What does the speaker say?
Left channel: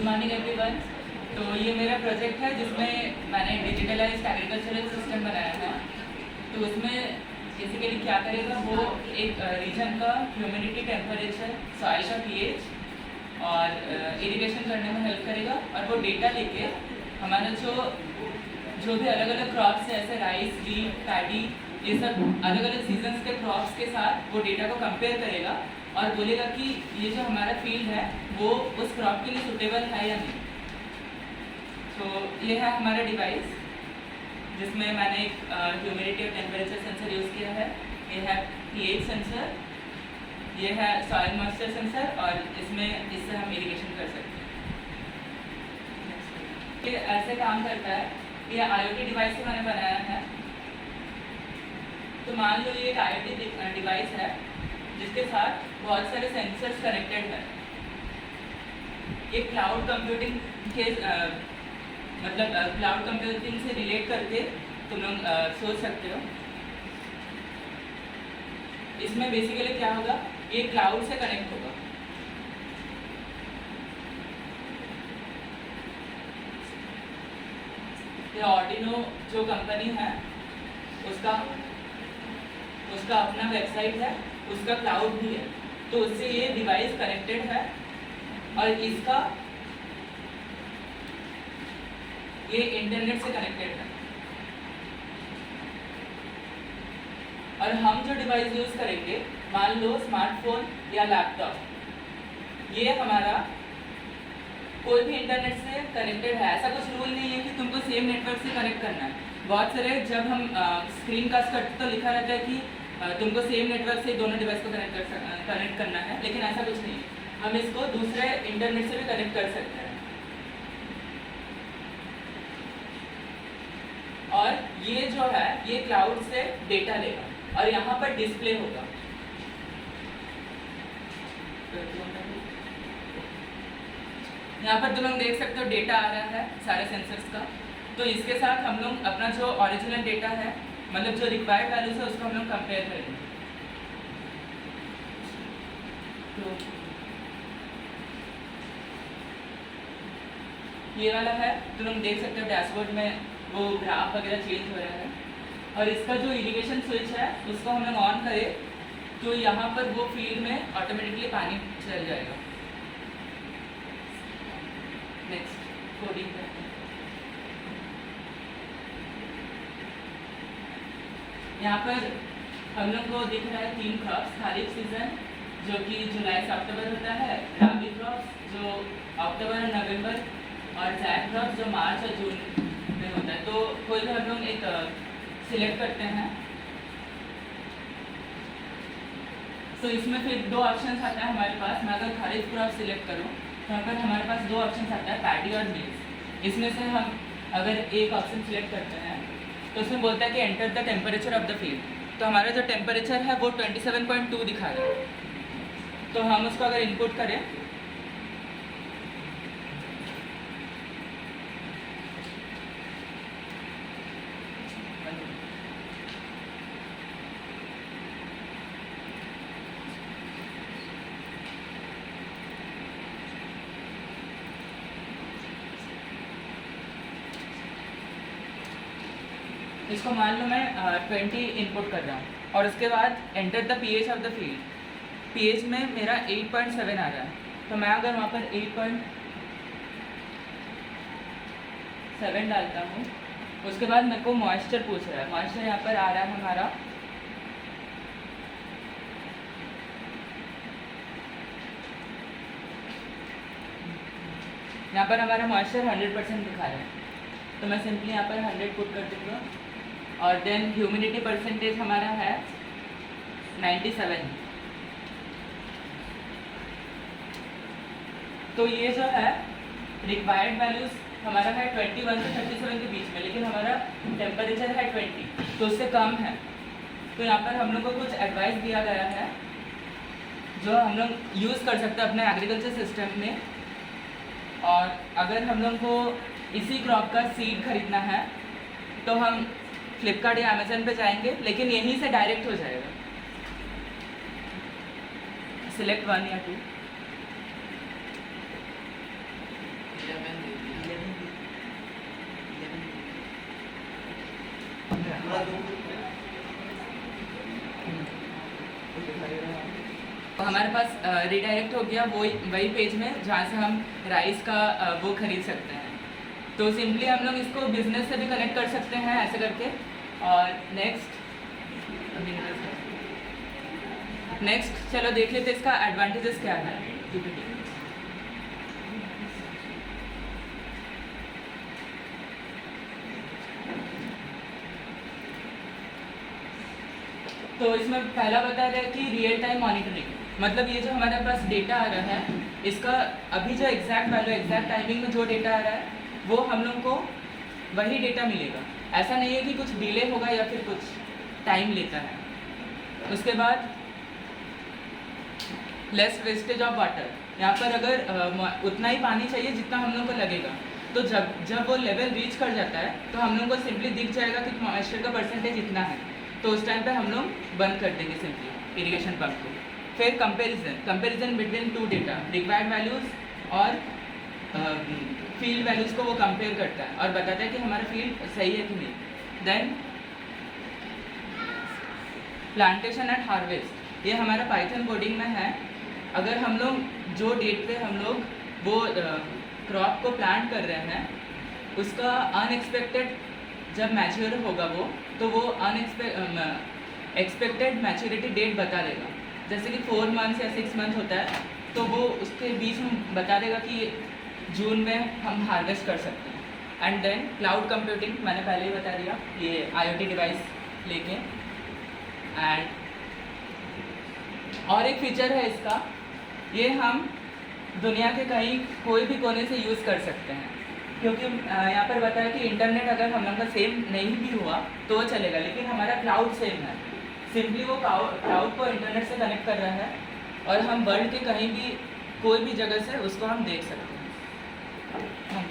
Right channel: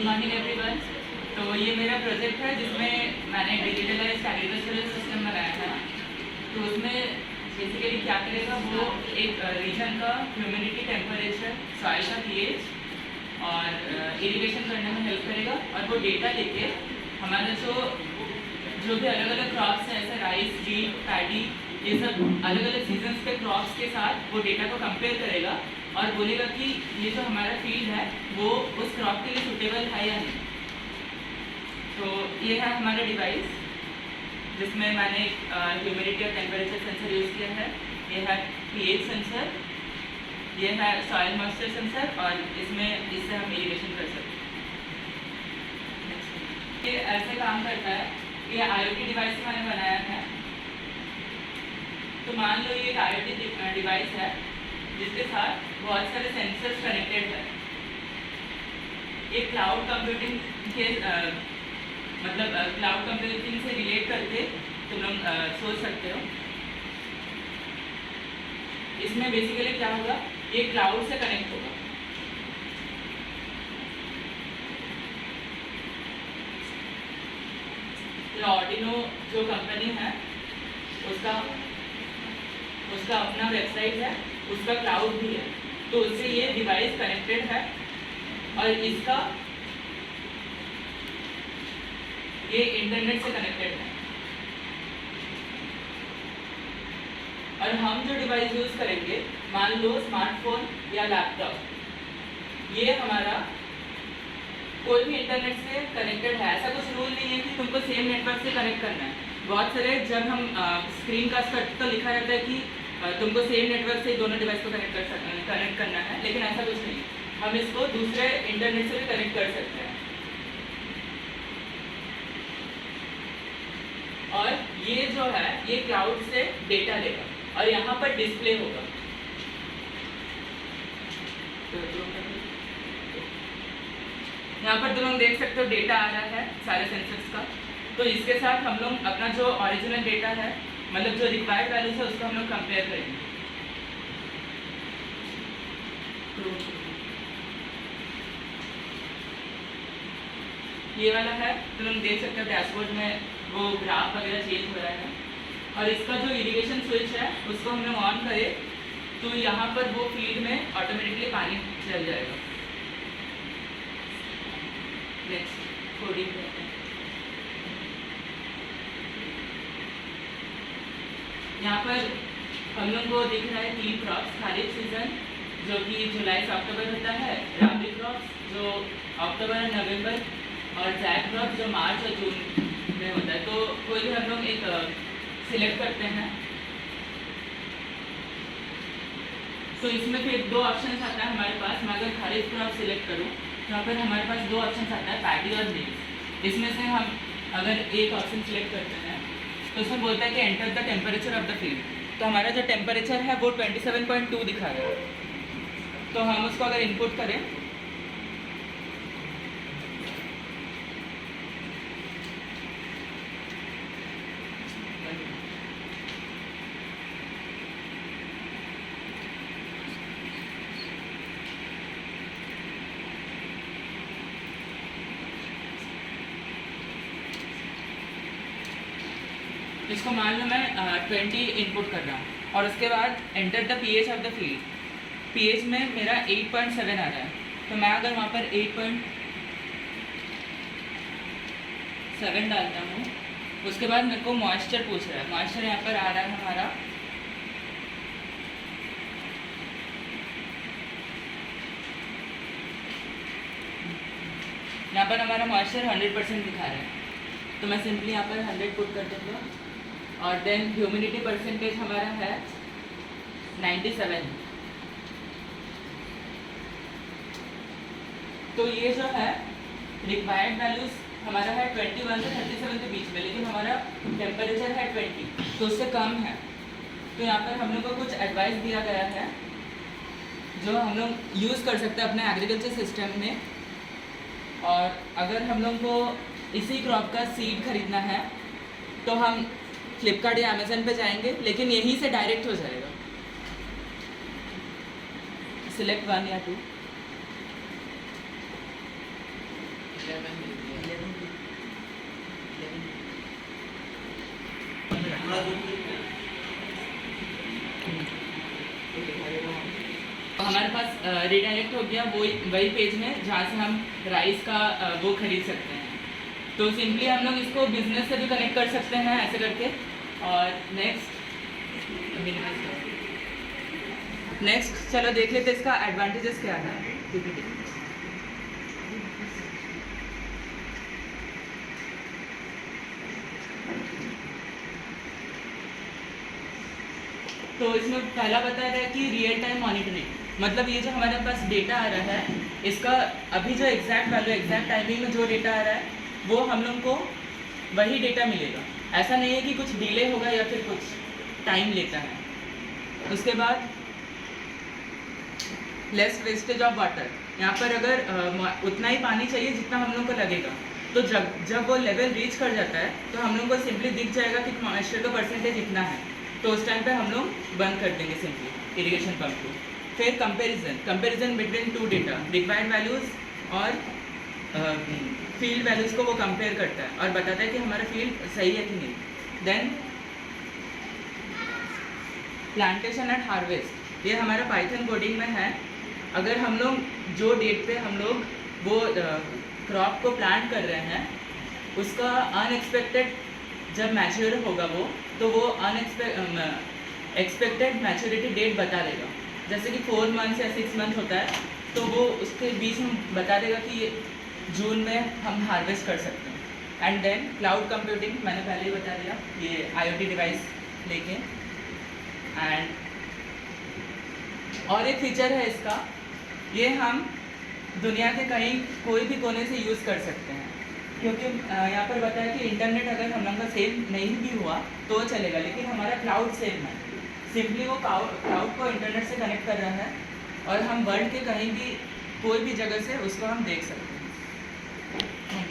Good morning everyone. तो ये मेरा प्रोजेक्ट है जिसमें मैंने डिजिटलाइज्ड एग्रीकल्चरल सिस्टम बनाया है। तो उसमें बेसिकली क्या करेगा, वो एक रीजन का ह्यूमिडिटी, टेम्परेचर, सॉइल का पीएच और इरिगेशन करने में हेल्प करेगा। और वो डेटा लेके हमारा जो भी अलग अलग क्रॉप्स हैं, जैसे राइस, वीट, पैडी, ये सब अलग अलग सीजन्स के क्रॉप्स के साथ वो डेटा को कंपेयर करेगा और बोलेगा कि ये जो हमारा फील्ड है वो उस क्रॉप के लिए सूटेबल है या नहीं। तो ये है हमारा डिवाइस जिसमें मैंने ह्यूमिडिटी और टेम्परेचर सेंसर यूज़ किया है। ये है पीएच सेंसर, ये है सॉइल मॉइस्चर सेंसर और इससे हम इरिगेशन कर सकते हैं। ये ऐसे काम करता है। ये IoT डिवाइस से मैंने बनाया है। तो मान लो ये एक IoT डिवाइस है जिसके साथ बहुत सारे सेंसर्स कनेक्टेड है। एक क्लाउड कंप्यूटिंग के क्लाउड कंप्यूटिंग से रिलेट करके तुम लोग सोच सकते हो। इसमें बेसिकली क्या होगा, ये क्लाउड से कनेक्ट होगा। आर्डिनो जो कंपनी है उसका अपना वेबसाइट है, उसका क्लाउड भी है। तो उससे ये डिवाइस कनेक्टेड है और ये इंटरनेट से कनेक्टेड है। और हम जो डिवाइस यूज़ करेंगे, मान लो स्मार्टफोन या लैपटॉप, ये हमारा कोई भी इंटरनेट से कनेक्टेड है। ऐसा कुछ रूल नहीं है कि तुमको सेम नेटवर्क से कनेक्ट करना है। बहुत सारे जब हम स्क्रीन कास्ट करते तो लिखा रहता है कि तुमको सेम नेटवर्क से दोनों डिवाइस को कनेक्ट करना है, लेकिन ऐसा कुछ नहीं। हम इसको दूसरे इंटरनेट से भी कनेक्ट कर सकते हैं। और ये जो है ये क्लाउड से डेटा लेगा और यहाँ पर डिस्प्ले होगा। यहाँ पर तुम लोग देख सकते हो डेटा आ रहा है सारे सेंसर्स का। तो इसके साथ हम लोग अपना जो ओरिजिनल डेटा है, मतलब जो रिक्वायर्ड वैल्यूज है, उसको हम लोग कंपेयर करेंगे। तो ये वाला है, तो तुम देख सकते हो डैशबोर्ड में वो ग्राफ वगैरह चेंज हो रहा है। और इसका जो इरिगेशन स्विच है उसको हम लोग ऑन करें तो यहाँ पर वो फील्ड में ऑटोमेटिकली पानी चल जाएगा। नेक्स्ट कोडिंग करते हैं। यहाँ पर हम लोग को दिख रहा है 3 क्रॉप्स। खारिफ सीजन जो कि जुलाई से अक्टूबर होता है, राबी क्रॉप्स जो अक्टूबर और नवंबर, और जैक क्रॉप जो मार्च और जून में होता है। तो कोई भी हम लोग एक सिलेक्ट करते हैं। तो इसमें फिर 2 ऑप्शन आता है हमारे पास। मैं अगर खारिफ क्रॉप सिलेक्ट करूँ तो यहाँ पर हमारे पास 2 ऑप्शन आता है, पैडी और मेज। इसमें से हम अगर एक ऑप्शन सिलेक्ट करते हैं तो उसमें बोलता है कि enter the temperature of the field. तो हमारा जो टेम्परेचर है वो 27.2 दिखा रहा है। तो हम उसको अगर इनपुट करें इसको मान लो मैं 20 इनपुट कर रहा हूँ और उसके बाद enter the pH of the field. PH में मेरा 8.7 आ रहा है। तो मैं अगर वहाँ पर 8.7 डालता हूँ, उसके बाद मेरे को मॉइस्चर पूछ रहा है। मॉइस्चर यहाँ पर आ रहा है हमारा यहाँ पर हमारा मॉइस्चर 100% दिखा रहा है। तो मैं सिंपली यहाँ पर 100 पुट कर देती हूँ। और देन ह्यूमिडिटी परसेंटेज हमारा है 97। तो ये जो है रिक्वायर्ड वैल्यूज हमारा है 21 से 37 के बीच में, लेकिन हमारा टेम्परेचर है 20, तो उससे कम है। तो यहाँ पर हम लोग को कुछ एडवाइस दिया गया है जो हम लोग यूज़ कर सकते हैं अपने एग्रीकल्चर सिस्टम में। और अगर हम लोग को इसी क्रॉप का सीड खरीदना है तो हम फ्लिपकार्ट या अमेज़न पे जाएंगे, लेकिन यहीं से डायरेक्ट हो जाएगा। सिलेक्ट 1 या 2। हमारे पास रिडायरेक्ट हो गया वही पेज में जहाँ से हम राइस का वो खरीद सकते हैं। तो सिंपली हम लोग इसको बिजनेस से भी कनेक्ट कर सकते हैं ऐसे करके। और नेक्स्ट चलो देख लेते इसका एडवांटेजेस क्या है। तो इसमें पहला बताया गया कि रियल टाइम मॉनिटरिंग, मतलब ये जो हमारे पास डेटा आ रहा है इसका अभी जो एग्जैक्ट वैल्यू एग्जैक्ट टाइमिंग में जो डेटा आ रहा है वो हम लोग को वही डेटा मिलेगा। ऐसा नहीं है कि कुछ डिले होगा या फिर कुछ टाइम लेता है। उसके बाद लेस वेस्टेज ऑफ वाटर, यहाँ पर अगर उतना ही पानी चाहिए जितना हम लोग को लगेगा, तो जब वो लेवल रीच कर जाता है तो हम लोग को सिंपली दिख जाएगा कि मॉइस्चर का परसेंटेज इतना है, तो उस टाइम पे हम लोग बंद कर देंगे सिंपली इरिगेशन पंप को। फिर comparison between two data, required values और फील्ड वैल्यूज़ को वो कंपेयर करता है और बताता है कि हमारा फील्ड सही है कि नहीं। देन प्लांटेशन एंड हार्वेस्ट, ये हमारा पाइथन कोडिंग में है। अगर हम लोग जो डेट पे हम लोग वो क्रॉप को प्लांट कर रहे हैं उसका अनएक्सपेक्टेड जब मैच्योर होगा वो, तो वो एक्सपेक्टेड मैच्योरिटी डेट बता देगा। जैसे कि 4 मंथ्स या 6 मंथ होता है तो वो उसके बीच में बता देगा कि जून में हम हार्वेस्ट कर सकते हैं। एंड देन क्लाउड कंप्यूटिंग, मैंने पहले ही बता दिया, ये IoT डिवाइस लेके। एंड और एक फीचर है इसका, ये हम दुनिया के कहीं कोई भी कोने से यूज़ कर सकते हैं, क्योंकि यहाँ पर बताया कि इंटरनेट अगर हम लोग का सेम नहीं भी हुआ तो वो चलेगा, लेकिन हमारा क्लाउड सेम है। सिंपली वो क्लाउड को इंटरनेट से कनेक्ट कर रहा है और हम वर्ल्ड के कहीं भी कोई भी जगह से उसको हम देख सकते हैं।